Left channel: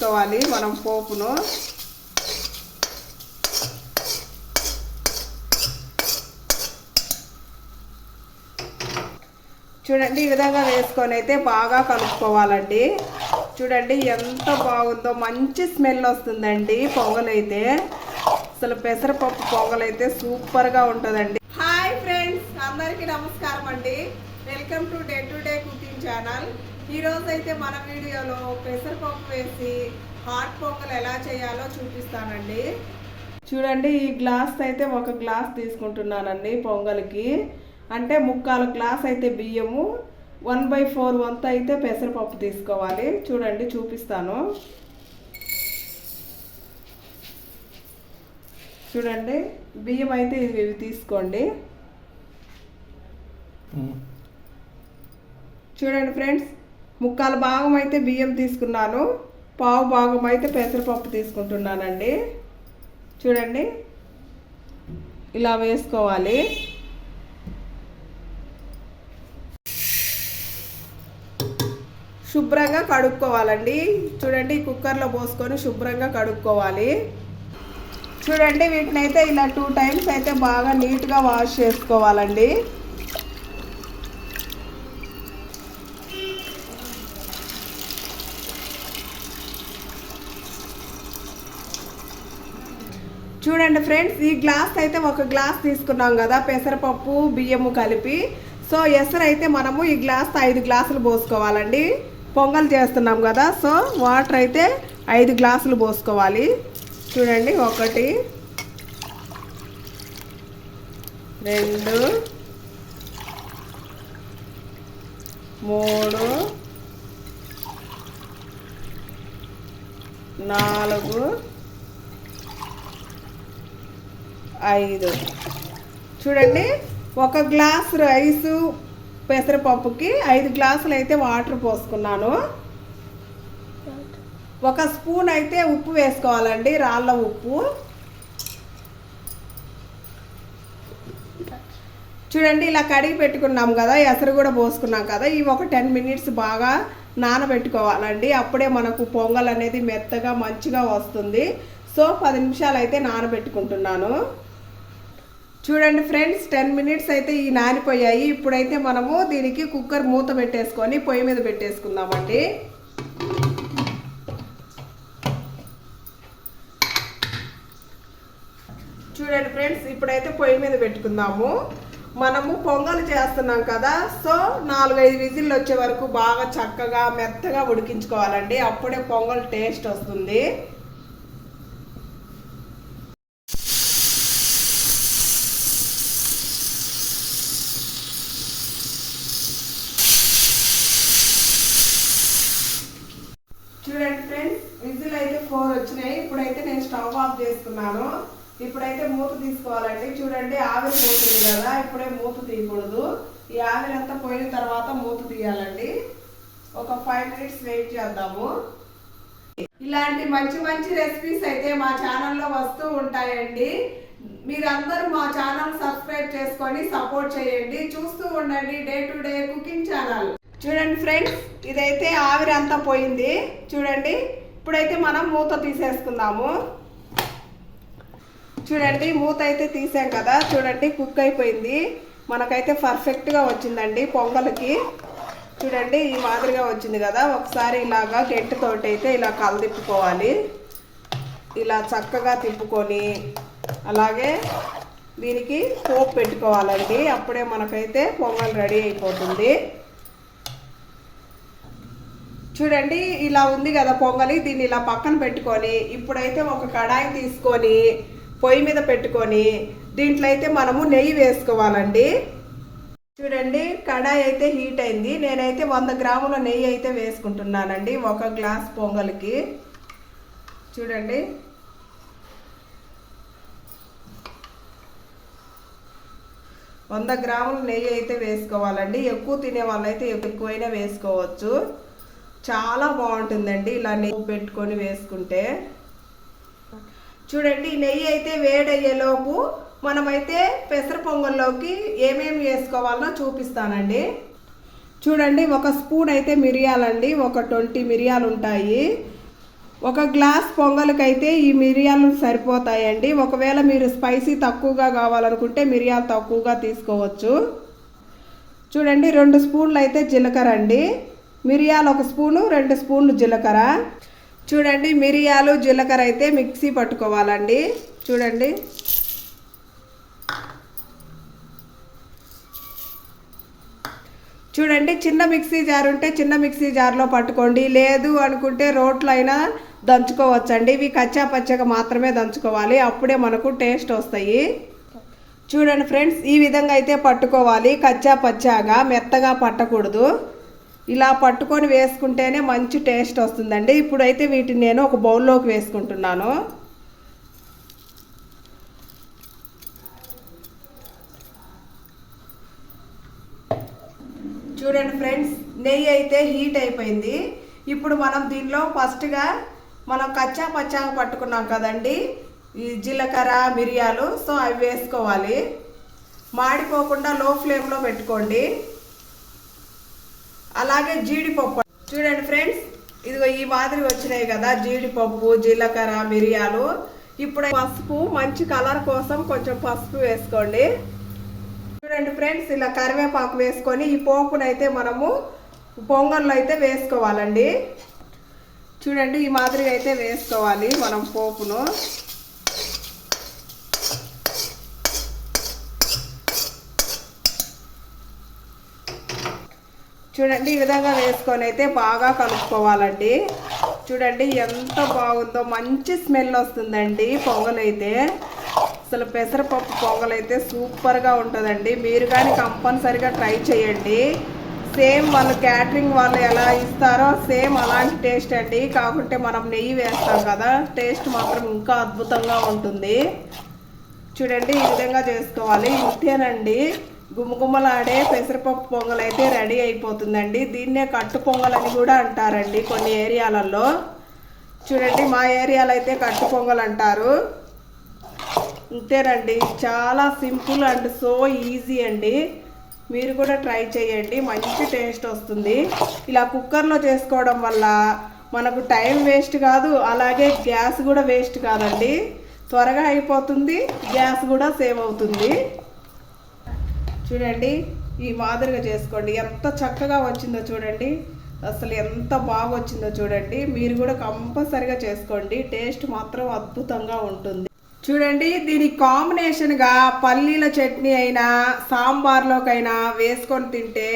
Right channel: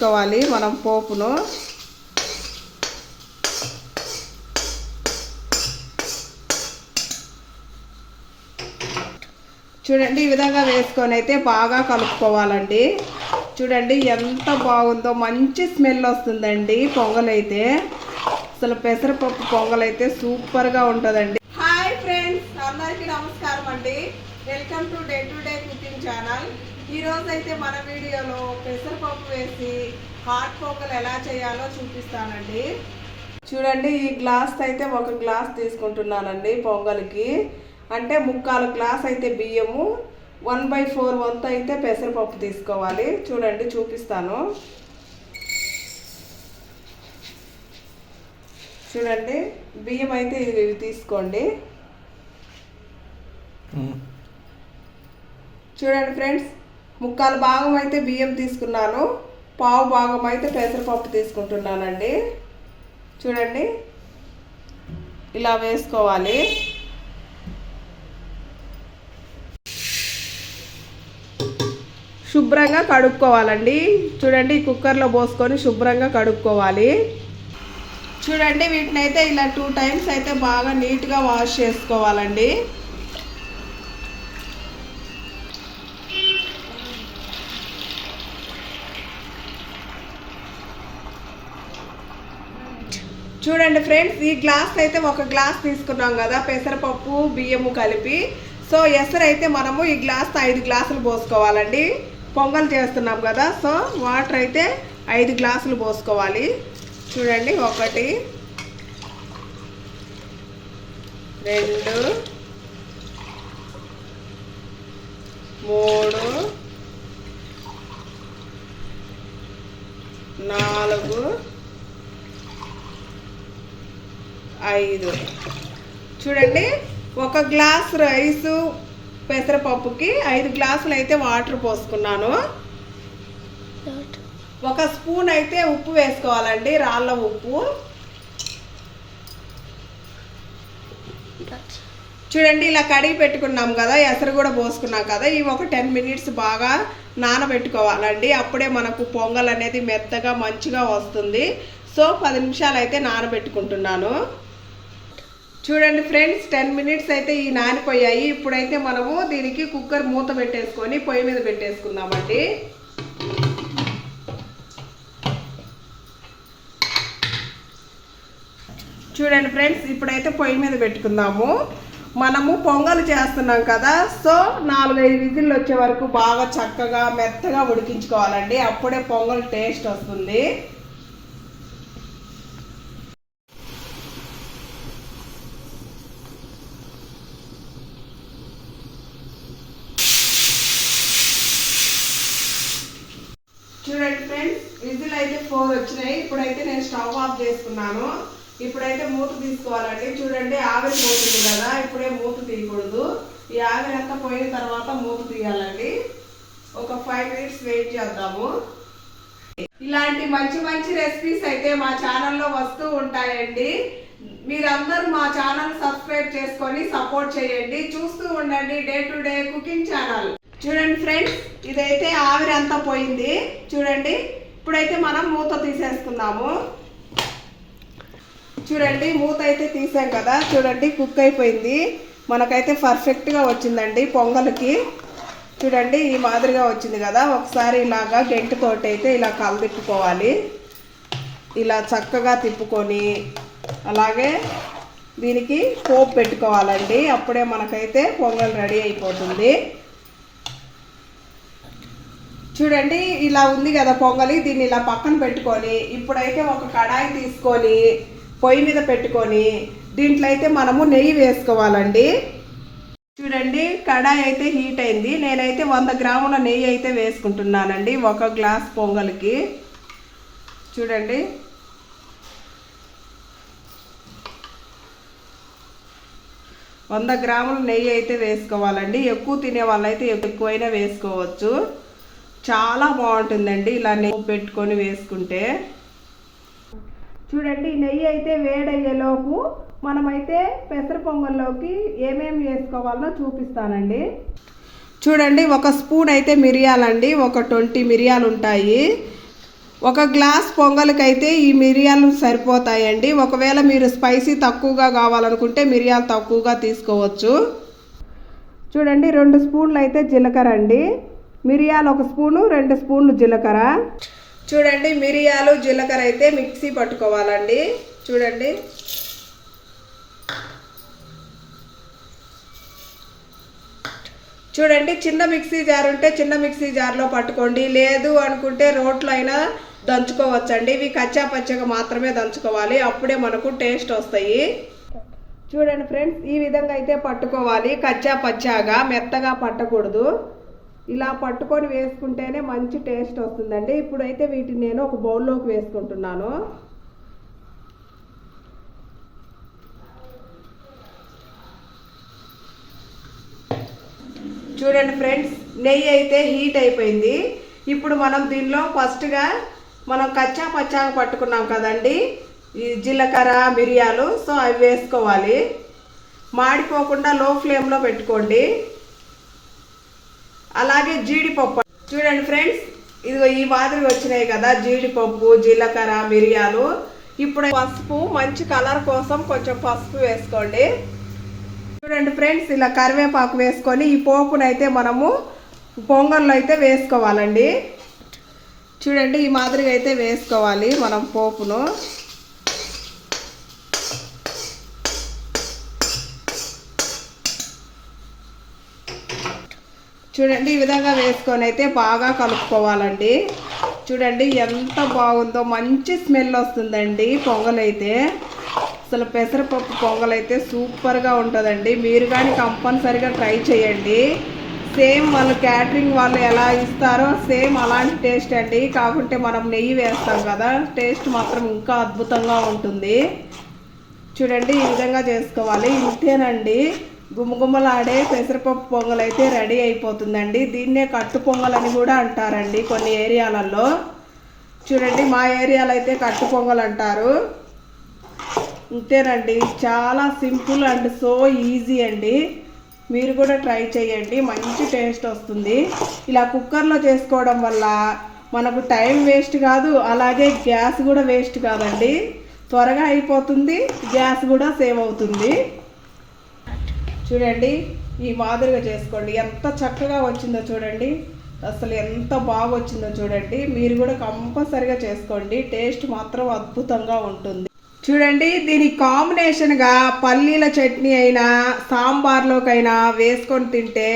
వేసుకోవాలి మనం పోపును. చూడండి, ఈ విధంగా వేసుకొని అయితే బాగా కలుపుకోవాలండి. చూడండి ఎంత బాగుందో, మంచి స్మెల్ వస్తుందండి పొంగల్ అయితే. అసలు పెసరపప్పు పొంగల్ అయితే సూపర్గా ఉంటుందండి. హాయ్ ఫ్రెండ్స్, అందరికీ నమస్కారం అండి. Welcome to day cooking channel. ఈరోజు అయితే మన వీడియోలో పెసరపప్పు వేసి హాట్ పొంగల్ ఎలా చేయాలో చూపిస్తానండి. చూడండి, ఈ గ్లాస్ అయితే ఒక గ్లాస్ తీసుకుంటున్నానండి పొంగల్కి. అంటే 3/4 గ్లాస్ అయితే బియ్యము, 1/4 వంతు అయితే పెసరపప్పు తీసుకోవాలి. చూడండి, చూపిస్తాను. చూడండి, బియ్యం అయితే ఇవి తీసుకోండి. చూడండి ఫ్రెండ్స్, 3/4 భాగం అయితే బియ్యం తీసుకున్నాను, పావు భాగం అయితే పెసరపప్పు తీసుకుంటున్నానండి. చూడండి, ఇలా వేసుకోవాలి. శుభ్రంగా కడుక్కోవాలండి. చూడండి, కుక్కర్లో పోసుకొని శుభ్రంగా కడుక్కోవాలి. చూడండి, వీటిని అయితే ఇలా 2 టైమ్స్ అయితే బాగా నీట్గా వాష్ చేసుకోవాలండి. చూడండి ఫ్రెండ్స్, ఈ గ్లాస్ అయితే ఒక గ్లాస్ తీసుకున్నాం కదా పెసరపప్పు బియ్యము కలిపి. సో ఎసరు అయితే మనము ఈ గ్లాస్తో 5 గ్లాసులు పోసుకోవాలండి. పొంగల్ చేస్తున్నాం కదా, సో వాటర్ అయితే 5 గ్లాసులు పోసుకోవాలి. చూడండి, 1 2 3 4 5. చూడండి, 1 గ్లాస్ రైసు పెసరపప్పుకి 5 గ్లాసులు అయితే వాటర్ పోసుకున్నాను. 1 స్పూన్ అయితే ఉప్పు వేసుకోవాలండి, రాళ్ళ ఉప్పు. చూడండి, ఇలా కడిగి పెట్టుకున్నాం కదా, ఎసరు కూడా పోసుకున్నాం కదా, ఈ ఒక 10 మినిట్స్ బాగా నానబెట్టుకోవాలండి. అప్పుడే మనకు పొంగల్ అనేది మెత్తగా మంచిగా వస్తుంది. సో 10 నిమిషాలు అయితే నానబెట్టుకుంటున్నాను. చూడండి ఫ్రెండ్స్, 10 మినిట్స్ అయితే ఈ నానిపోయాయి. ఇప్పుడైతే మనము దీనికి కుక్కర్ మూత పెట్టేసుకొని పొయ్యి మీద పెట్టేసుకుందామండి. చూడండి ఫ్రెండ్స్, ఇప్పుడైతే పొయ్యి మీద పెట్టుకుందాము. మనము పొంగల్ చేస్తున్నాం కదా, సో 4-5 విజిల్లు వచ్చే వరకు బాగా చక్కగా మెత్తగా ఉడికించుకోవాలండి. అప్పుడే పొంగల్ టేస్ట్ వస్తుంది. చూడండి ఫ్రెండ్స్, విజిల్ అయితే 4 వచ్చినాయి. ఇప్పుడైతే నేను స్టవ్ ఆఫ్ చేసుకున్నాను. ఇప్పుడైతే మూత తీసుకోవాలండి. చూడండి, ఆవిరి పోతుంది కదా, ఇప్పుడే మూత తీయకూడదు. ఈ ఆవిరి అంతా పోయిన తర్వాత మూత తీయాలండి. ఒక 5 మినిట్స్ వెయిట్ చేద్దాము. ఇలాంటి మంచి మంచి రెసిపీస్ అయితే మా ఛానల్లో వస్తూ ఉంటాయండి. మీరందరూ మా ఛానల్ సబ్స్క్రైబ్ చేసుకొని సపోర్ట్ చేయండి. చూస్తూ ఉండండి డే కుకింగ్ ఛానల్. చూడండి ఫ్రెండ్స్, ఇదైతే ఆవిరి అంతా పోయింది. చూడండి, ఇప్పుడైతే మనం మూత తీసేసుకుందాము. చూడండి, మూత అయితే తీసాం కదా. చూడండి, కుక్ అయిపోయింది. మనకైతే పర్ఫెక్ట్గా వచ్చిందండి పొంగల్కి. చూడండి, ఈ మాదిరిగా వచ్చింది కదా. ఒకసారి ఇలాగా గెంటితోటి అయితే ఇలా కలదిప్పుకోవాలి. ఇలా చక్కగా తిప్పుకొని అలాగే దీనికి పోపు పెట్టుకోవాలండి. అప్పుడే మనకైతే పొంగల్ రెడీ అయిపోతుంది. చూడండి, ఇలా ఉంది కదా పొంగలి. దీన్ని ఇలా పక్కన పెట్టుకొని ఇప్పుడైతే ఒక కడాయి తీసుకొని పొయ్యి మీద పెట్టుకొని దీంట్లో అయితే మనము నెయ్యి వేసుకోవాలండి. చూడండి, కడాయి అయితే హీట్ అయింది. నేనైతే 100 గ్రాముల నెయ్యి అయితే వేసుకుంటున్నానండి 1 గ్లాస్ పొంగల్కి. చూడండి, వంద గ్రాముల నెయ్యి అయితే వేసుకోవాలండి. ఎక్కువ తినే వాళ్ళైతే ఎక్కువైనా వేసుకోవచ్చు. చాలా బాగుంటుందండి ఇలా నెయ్యి పెట్టుకొని వేసుకుంటే. చూడండి, నెయ్యి అయితే వేడయ్యేలోపు మనమైతే పెసర పొంగల్లోకి ఏమేమి వేసుకోవాలో చూపిస్తానండి. చూడండి, 1 స్పూన్ అయితే మిరియాలండి, ఒక 20 మిరియాలు ఉంటాయి. ఒక గ్లాస్ పొంగల్కైతే ఈ మిరియాలు సరిపోతాయండి. ఒకవేళ మీరు స్పైసీ తక్కువగా కావాలనుకుంటే మిరియాలు తక్కువగా తీసుకోవచ్చు. చూడండి 2 స్పూన్లు అయితే జీలకర్ర అండి. మిరియాలు 1 స్పూను, 2 స్పూన్లు జీలకర్ర. చూడండి మిరియాలు జీలకర్ర అయితే మిక్సీ పట్టుకోవాలండి. చూడండి చూడండి చిన్న మిక్సీ జార్ ఉంటే చిన్న మిక్సీ జార్లో పట్టుకోండి, లేదు అనుకుంటే రోట్లో అయినా దంచుకోవచ్చండి. ఇవి కచ్చా పచ్చగా మాత్రమే దంచుకోవాలి, అప్పుడే మనకు టేస్ట్ వస్తాయి. చూడండి ఫ్రెండ్స్, ఈ విధంగా అయితే పట్టుకోవాలి, కచ్చా పచ్చాగా మెత్తగా పట్టకూడదు. ఇలా పట్టుకొని వేసుకుంటేనే మంచి టేస్ట్ వస్తుందండి. ఇప్పుడైతే వీటిని నేను ఒక బౌల్లోకి వేసుకుంటున్నాను. చూడండి ఫ్రెండ్స్, నెయ్యి అయితే హీట్ అయిపోయింది. ఇప్పుడు మనం దీనిలో ఫస్ట్గా మనం కచ్చా పచ్చాగా పట్టుకున్నాం కదండి ఈ జీలకర్ర మిరియాలు, సో అవి వేసుకోవాలి. మాడిపోకుండా లో ఫ్లేమ్లో పెట్టుకోండి. అలాగే జీడిపప్పు చూడండి ఫ్రెండ్స్, ఇదిగో ఈ మాదిరి వచ్చినాయి కదా జీడిపప్పు, జీలకర్ర, మిరియాలు. ఇప్పుడు పసుపు, మంచి కలర్ కోసం కొంచెం పసుపు వేసుకోండి. చూడండి ఫ్రెండ్స్, ఇలా కరివేపాకు వేసుకొని ఈ పోపునైతే మనము పొంగల్లో అయితే వేసుకోవాలండి. చూడండి ఈ మాదిరిగా అయితే వేసుకోవాలి మనం పోపును. చూడండి ఈ విధంగా వేసుకొని అయితే బాగా కలుపుకోవాలండి. చూడండి ఎంత బాగుందో, మంచి స్మెల్ వస్తుందండి పొంగల్ అయితే. అసలు పెసరపప్పు పొంగల్ అయితే సూపర్గా ఉంటుందండి. మీరు కానీ కంపల్సరిగా ట్రై చేయండి. సేమ్ వాళ్ళు క్యాటరింగ్ వాళ్ళు ఎలా ఇస్తారో సేమ్ అలాంటి టేస్ట్ అండి. కాకుంటే మనం నెయ్యి వేస్తాం కదా, టేస్ట్ మాత్రం ఇంకా అద్భుతంగా ఉంటుంది. చూడండి ఈ విధంగా చేసుకోవాలి. ఇంతేనండి, గుమ్మగుమ్మలాడే పెసరపప్పు పొంగల్ అయితే రెడీ అయిపోతుందండి. దీన్నే కట్టు పొంగల్ అని కూడా అంటారండి కొన్ని ఏరియాలలో. చూడండి మా ఏరియాలో అయితే కట్టు పొంగల్ అంటారు. ఇంతేనండి, చాలా సింపుల్ అండ్ సో ఈజీ అండి. మీరు కూడా ట్రై చేయండి, మంచి టేస్ట్ వస్తుంది. ఇలా కుక్కర్లో చేసుకోవడం వల్ల మనకు టైం వేస్ట్ కాదు, అలాగే గ్యాస్ కూడా వేస్ట్ కాదండి. త్వరగా అయిపోతుంది, గ్యాస్ కూడా సేవ్ అవుతుంది. చూడండి ఈ మాదిరిగా చేసుకోండి. ఎంత చక్కగా వచ్చిందో చూడండి, అసలు ఎంత బాగా వచ్చిందో చూడండి. మీరు కూడా కంపల్సరిగా చేసుకోండి, టేస్ట్ మాత్రం అద్భుతంగా ఉంటుంది. చూడండి దీనికి కాంబినేషన్గా పల్లీల చట్నీ అయినా సాంబార్లోకైనా వేసుకొని తింటే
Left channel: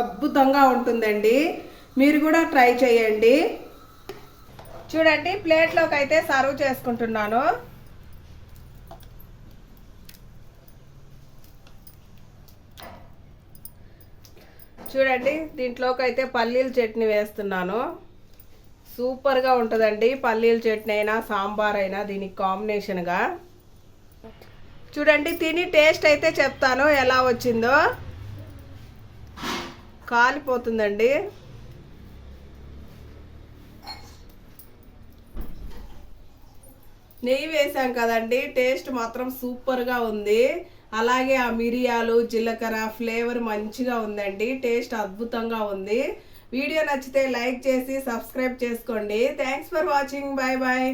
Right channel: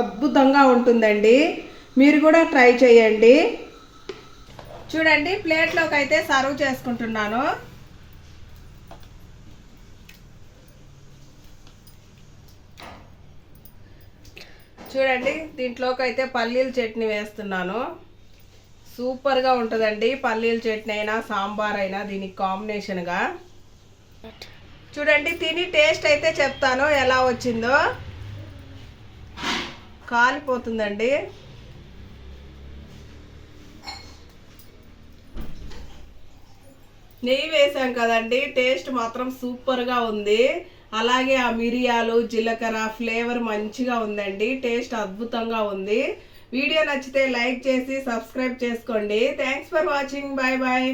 అద్భుతంగా ఉంటుందండి. మీరు కూడా ట్రై చేయండి. చూడండి ప్లేట్లోకి అయితే సర్వ్ చేసుకుంటున్నాను. చూడండి దీంట్లోకి అయితే పల్లీల చట్నీ వేస్తున్నాను. సూపర్గా ఉంటుందండి, పల్లీల చట్నీ అయినా సాంబార్ అయినా దీనికి కాంబినేషన్గా. చూడండి తిని టేస్ట్ అయితే చెప్తాను ఎలా వచ్చిందో. కాలిపోతుందండి. నెయ్యి వేసాం కదండి, టేస్ట్ మాత్రం సూపర్గా ఉంది. అలాగే ఆ మిరియాలు జీలకర్ర ఫ్లేవర్ మంచిగా ఉందండి, టేస్ట్ అద్భుతంగా ఉంది. వీడియో నచ్చితే లైక్ చేసి సబ్స్క్రైబ్ చేసుకోండి. Thanks for watching. Bye bye.